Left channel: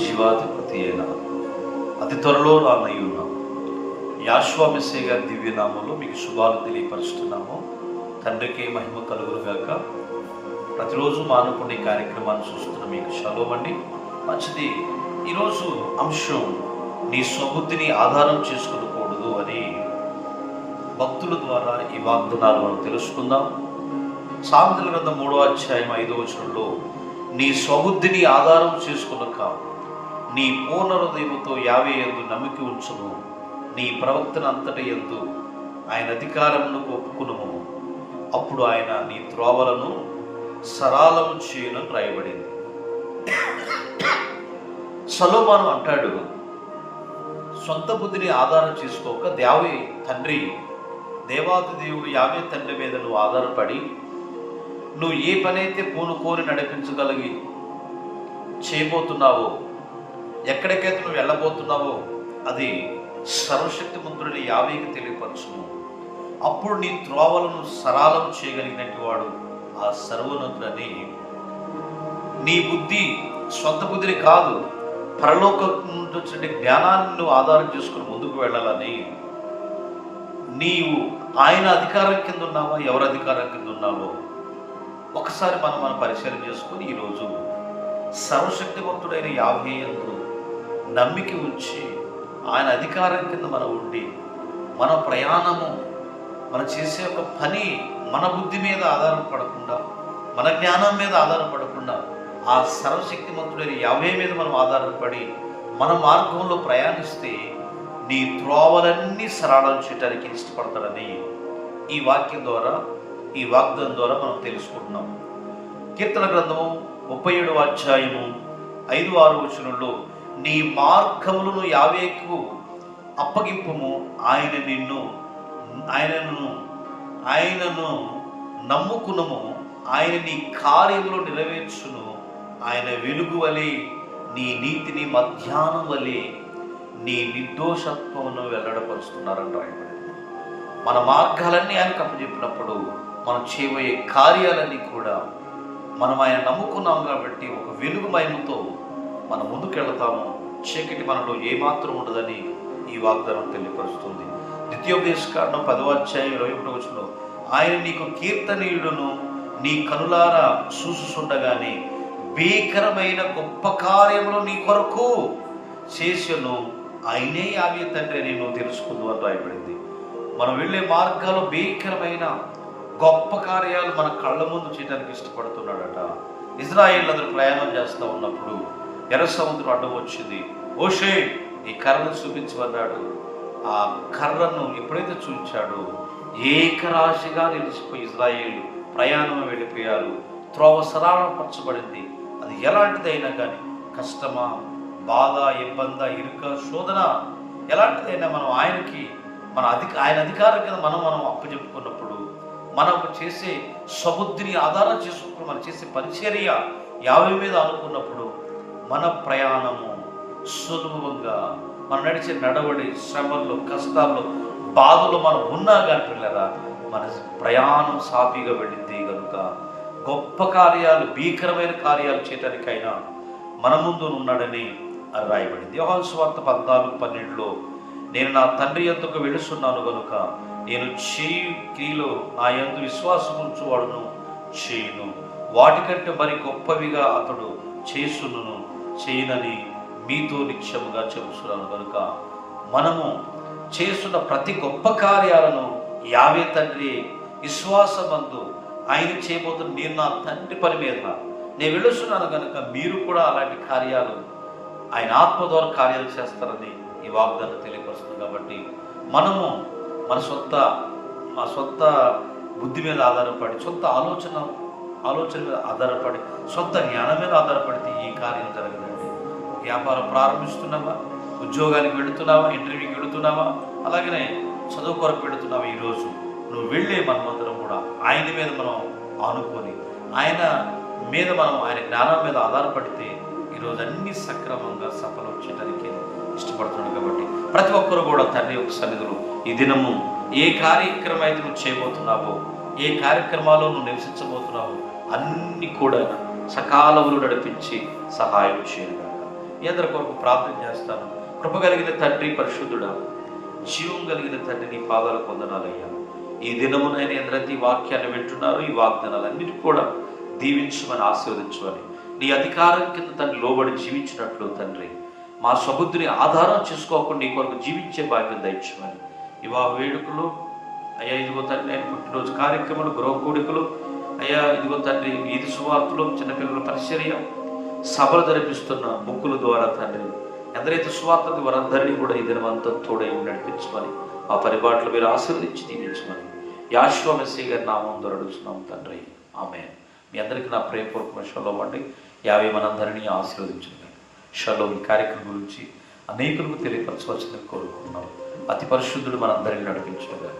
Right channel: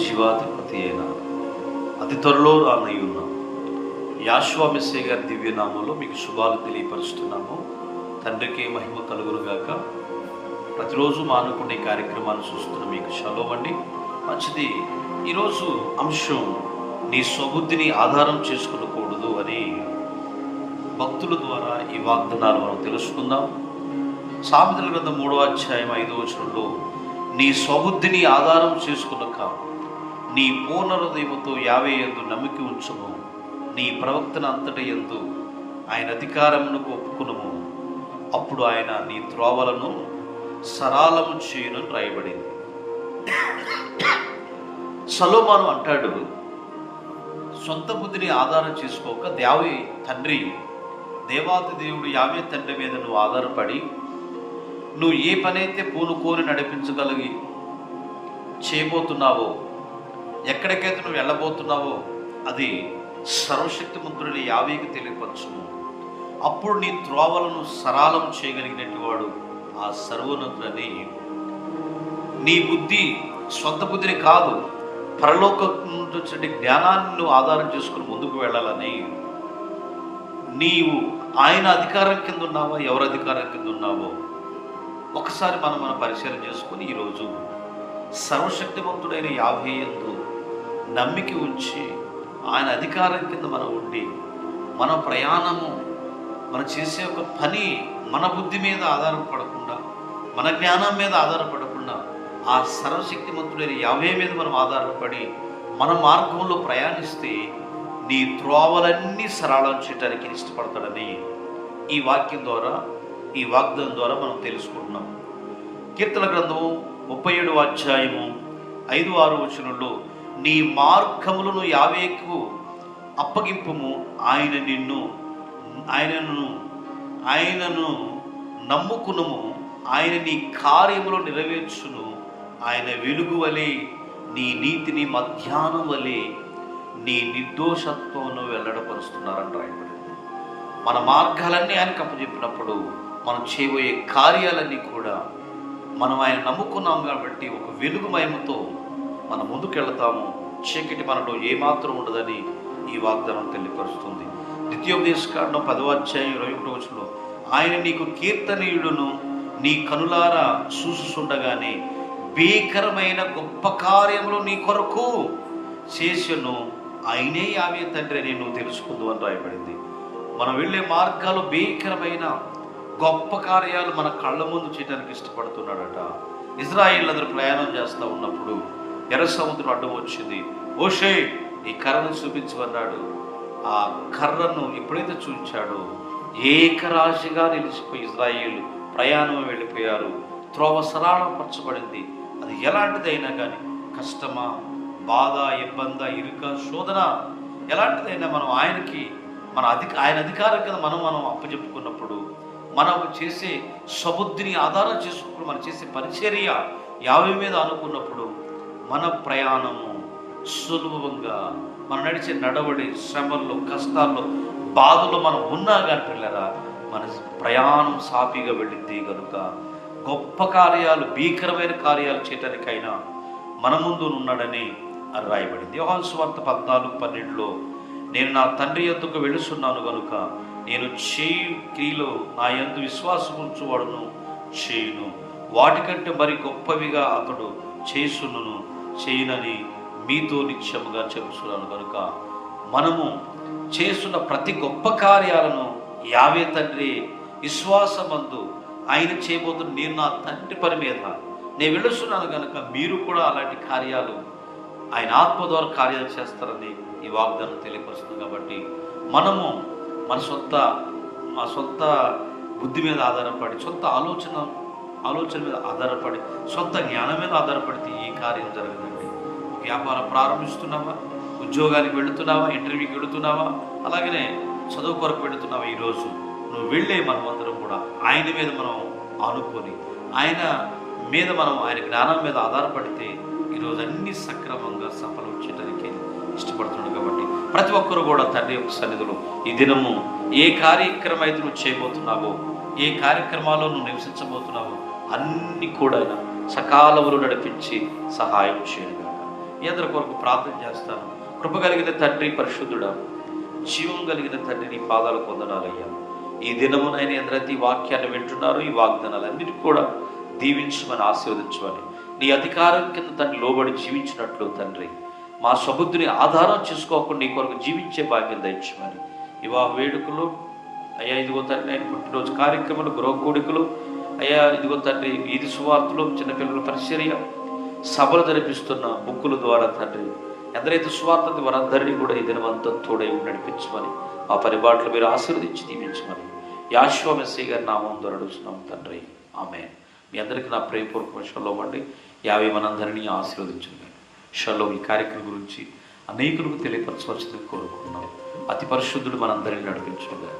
జీవాధిపతి అయిన అతి త్వరలో రానయ్యున్న యాషువా మెస్సీయ గారి దివ్య నామంలో మీకు శుభాలు తెలియపరుస్తున్నాము. తండ్రికి మహిమ కలుగునుగాక. ప్రతిరోజు మానవుని కార్యక్రమాన్ని చూస్తున్న మీకు షలోమ్ అండి. మంచిది. ఈరోజు అంశం నీ స్వబుద్ధిని ఆధారం చేసుకునకూడదు అని భక్తుల ద్వారా ఈ వాగ్దానాలు మనం తెలుసుకుందాం. సామెతల గ్రంథం 3వ అధ్యాయం 5వ వచనంలో నీ స్వబుద్ధిని ఆధారం చేసుకునక నీ పూర్ణ హృదయముతో యావే యందు నమ్మిక ఉంచుము, నీ ప్రవర్తన అంతటి యందు ఆయన అధికారమును ఒప్పుకును, అప్పుడు ఆయన నీ త్రోవలను సరళము చేయను రాయబడింది. సొలొమోను అంటాడు, సొంత బుద్ధిని ఆధారం చేసుకోక దేవాది దేవుడు యావే తండ్రి మీద నువ్వు ఆధారపడి నువ్వు ఏ పనైతే పూనుకోరి నడిపించగలిగి చేయబోతున్నావో, ఎక్కడికైతే నువ్వు వెళ్ళబోతున్నావో అది సర్వశక్తిమంతుడైన యావేకి తెలియపరచుము. అప్పుడు నీ త్రోవలను సరళం చేయగలిగినట్టు వాడు ఆ సర్వోన్నతుడని. నీ బుద్ధి సొంత బుద్ధిని కాదు, పరలోకం నుంచి జ్ఞానాన్ని నువ్వు ఆధారం చేసుకుని ముందుకు వెళ్ళాలని. నీవు ఆయన అధికారం కింద ఉన్నావా, ఎవరి అధికారం కింద ఉన్నావో ఒకసారి మనం పరిశీలన చేసుకుని ఈరోజు సర్వశక్తివంతుడైన యావే యందు నమ్మిక ఉంచి ఆయన అధికారం కింద మనం ఉండి మన ప్రయాణము మనం చేసే ఒక పని మన బుద్ధి మీద ఆధారపడకుండా, మన జ్ఞానం మీద ఆధారపడకుండా ఆ సర్వశక్తివంతుడైన యావే మీద మనం ఆధారపడి మన మార్గంలో ప్రయాణిస్తే నీ త్రోవలన్నీ సరళం చేయడానికి ఇష్టపడతాడని ఈ వాక్యం ద్వారా, ఈ వాగ్దానం ద్వారా మనం తెలుసుకుంటున్నాం. కీర్తన గ్రంథము 37వ అధ్యాయము 5-6 వచనంలో నీ మార్గములను యావేకు అప్పగింపుము, ఆయనను నమ్ముకునుము, ఆయన నీ కార్యములు నెరవేర్చును, ఆయన వెలుగు వలె నీ నీతిని మధ్యాహ్నం వలె నీ నిర్దోషత్వమును వెల్లడపరుస్తున్నారంట. మన మార్గాలన్నీ ఆయనకు అప్పచెప్పినప్పుడు మనం చేయబోయే కార్యాలన్నీ కూడా మనం ఆయన నమ్ముకున్నాం కాబట్టి ఒక వెలుగుమయంతో మనం ముందుకెళ్తాము. చీకటి మనలో ఏమాత్రం ఉండదని ఈ వాగ్దానం తెలియపరుస్తుంది. ద్వితీయోపదేశకాండం 10వ అధ్యాయం 21వ వచనంలో ఆయన నీకు కీర్తనీయుడును, నీ కనులారా చూసుచుండగానే భీకరమైన గొప్ప కార్యములు నీ కొరకు చేసెను, ఆయనే యావే తండ్రి అని నువ్వు తెలుసుకుందు అని రాయబడింది. మనం వెళ్ళే మార్గాలు భీకరమైన గొప్ప కార్యాలు మన కళ్ళ ముందు చేయడానికి ఇష్టపడుతున్నాడట. ఇజ్రాయేల్ అందరూ ప్రయాణం చేస్తూ ఉన్నప్పుడు ఎర్ర సముద్రం అడ్డం వచ్చింది. మోషే ఈ కర్రను చూపించమన్నాడు. ఆ కర్రను ఎప్పుడైతే చూపించాడో ఏకరాశిగా నిలిచిపోయి ఇజ్రాయేల్ ప్రయాణం వెళ్ళిపోయారు. త్రోవ సరళపరచబడింది. అది ఎలాంటిదైనా కానీ, కష్టమా, బాధ, ఇబ్బంద, ఇరుక, శోధన, ఎలాంటిదైనా మనం ఆయనకి ఆయన అధికారం కింద మనం అప్పచెప్పుకున్నప్పుడు, మనం చేసే సబుద్ధిని ఆధారం చేసుకుని మనం చేసే పరిచర్య యావే మీద అనుకున్నప్పుడు మన ప్రయాణము సులభంగా, మనం నడిచే నడవడి, శ్రమల్లో, కష్టాల్లో, బాధలు మనం ఉన్నా కానీ పిల్లరా మన ప్రయాణం సాఫీగా వెళ్ళింది కనుక గొప్ప కార్యాలు, భీకరమైన కార్యాలు చేయటానికైనా మన ముందు ఉన్నాడని రాయబడింది. యోహాను సువార్త 14:12లో నేను నా తండ్రి యొద్దకు వెళుతున్నాను కనుక నేను చేయు క్రియలో నా యందు విశ్వాసం ఉంచువాడును చేయును, వాటికంటే మరి గొప్పవిగా అతడు చేసును చేయనని మీతో నిత్యముగా చెబుతున్నాను. కనుక మనము చేస్తున్న ప్రతి గొప్ప కార్యాలను యావే తండ్రి విశ్వాసమందు ఆయన చేయబోతున్న, నేను నా తండ్రి పని మీద నేను వెళుస్తున్నాను కనుక మీరు కూడా అలాంటి కార్యాలు ఆయన ఆత్మ ద్వారా కార్యాలు చేస్తారని ఈ వాగ్దానం తెలియపరుస్తుంది. కాబట్టి మనము మన సొంత బుద్ధి మీద ఆధారపడి, సొంత ఆలోచన మీద ఆధారపడి, సొంత జ్ఞానం మీద ఆధారపడితే ఈ కార్యం జరగదండి. వ్యాపారం ప్రారంభిస్తున్నావా, ఉద్యోగానికి వెళుతున్నావా, ఇంటర్వ్యూకి వెళుతున్నావా, అలాగనే చదువు కొరకు వెళుతున్నావా, ఈరోజు నువ్వు వెళ్ళే మనమందరం కూడా ఆయన మీద మనం ఆనుకొని, ఆయన జ్ఞానం మీద ఆధారపడితే ఈరోజు అన్ని సక్రమంగా సఫలం చేయడానికి ఇష్టపడుతున్నాడు. కాబట్టి ప్రతి ఒక్కరు కూడా తండ్రి యొక్క సన్నిధిలో ఈ దినము ఏ కార్యక్రమం అయితే నువ్వు చేయబోతున్నావో, ఏ కార్యక్రమాల్లో నువ్వు నివసించబోతున్నావో అన్ని కూడా సకాలంలో నడిపించి సహాయం చేయను కాక. ఈ అందరి కొరకు ప్రార్థన చేస్తాను. కృప కలిగిన తండ్రి, పరిశుద్ధుడా, జీవం కలిగిన తండ్రి, నీ పాదాలు పొందనాలయ్యా. ఈ దినమునైనా ఎందరైతే ఈ వాక్యాన్ని వింటున్నారో ఈ వాగ్దానాలన్నిటి కూడా దీవించమని, ఆశీర్వదించమని, నీ అధికారం కింద తండ్రి లోబడి జీవించినట్లు తండ్రి మా సబుద్ధిని ఆధారం చేసుకోకుండా నీ కొరకు జీవించే భాగ్యం దయచేయమని, వివాహ వేడుకలు అయ్యా, ఇదిగో తండ్రి ఆయన పుట్టినరోజు కార్యక్రమాలు, గృహ కూడికలు అయ్యా, ఇదిగో తండ్రి వీధి సువార్తలు, చిన్నపిల్లల పరిచర్య, సభలు జరిపిస్తున్న బుక్కుల ద్వారా తండ్రి ఎందరైతే సువార్త వారందరినీ కూడా ఈ దినమంతా తోడై నడిపించమని, ఆ పరిపాట్లు మీరు ఆశీర్వదించి దీవించమని యాషువ మెస్సీ గారి నామం ద్వారా అడుగుతున్నాం తండ్రి, ఆమేన్. మీ అందరికీ నా ప్రేమపూర్వక షలోం అండి. యావే మనందరినీ ఆశీర్వదించండి. షలోం ఈ కార్యక్రమం గురించి అనేకులకు తెలియపరచవలసింది కోరుకున్నాం. అతి పరిశుద్ధుడు మనందరినీ నడిపించడం.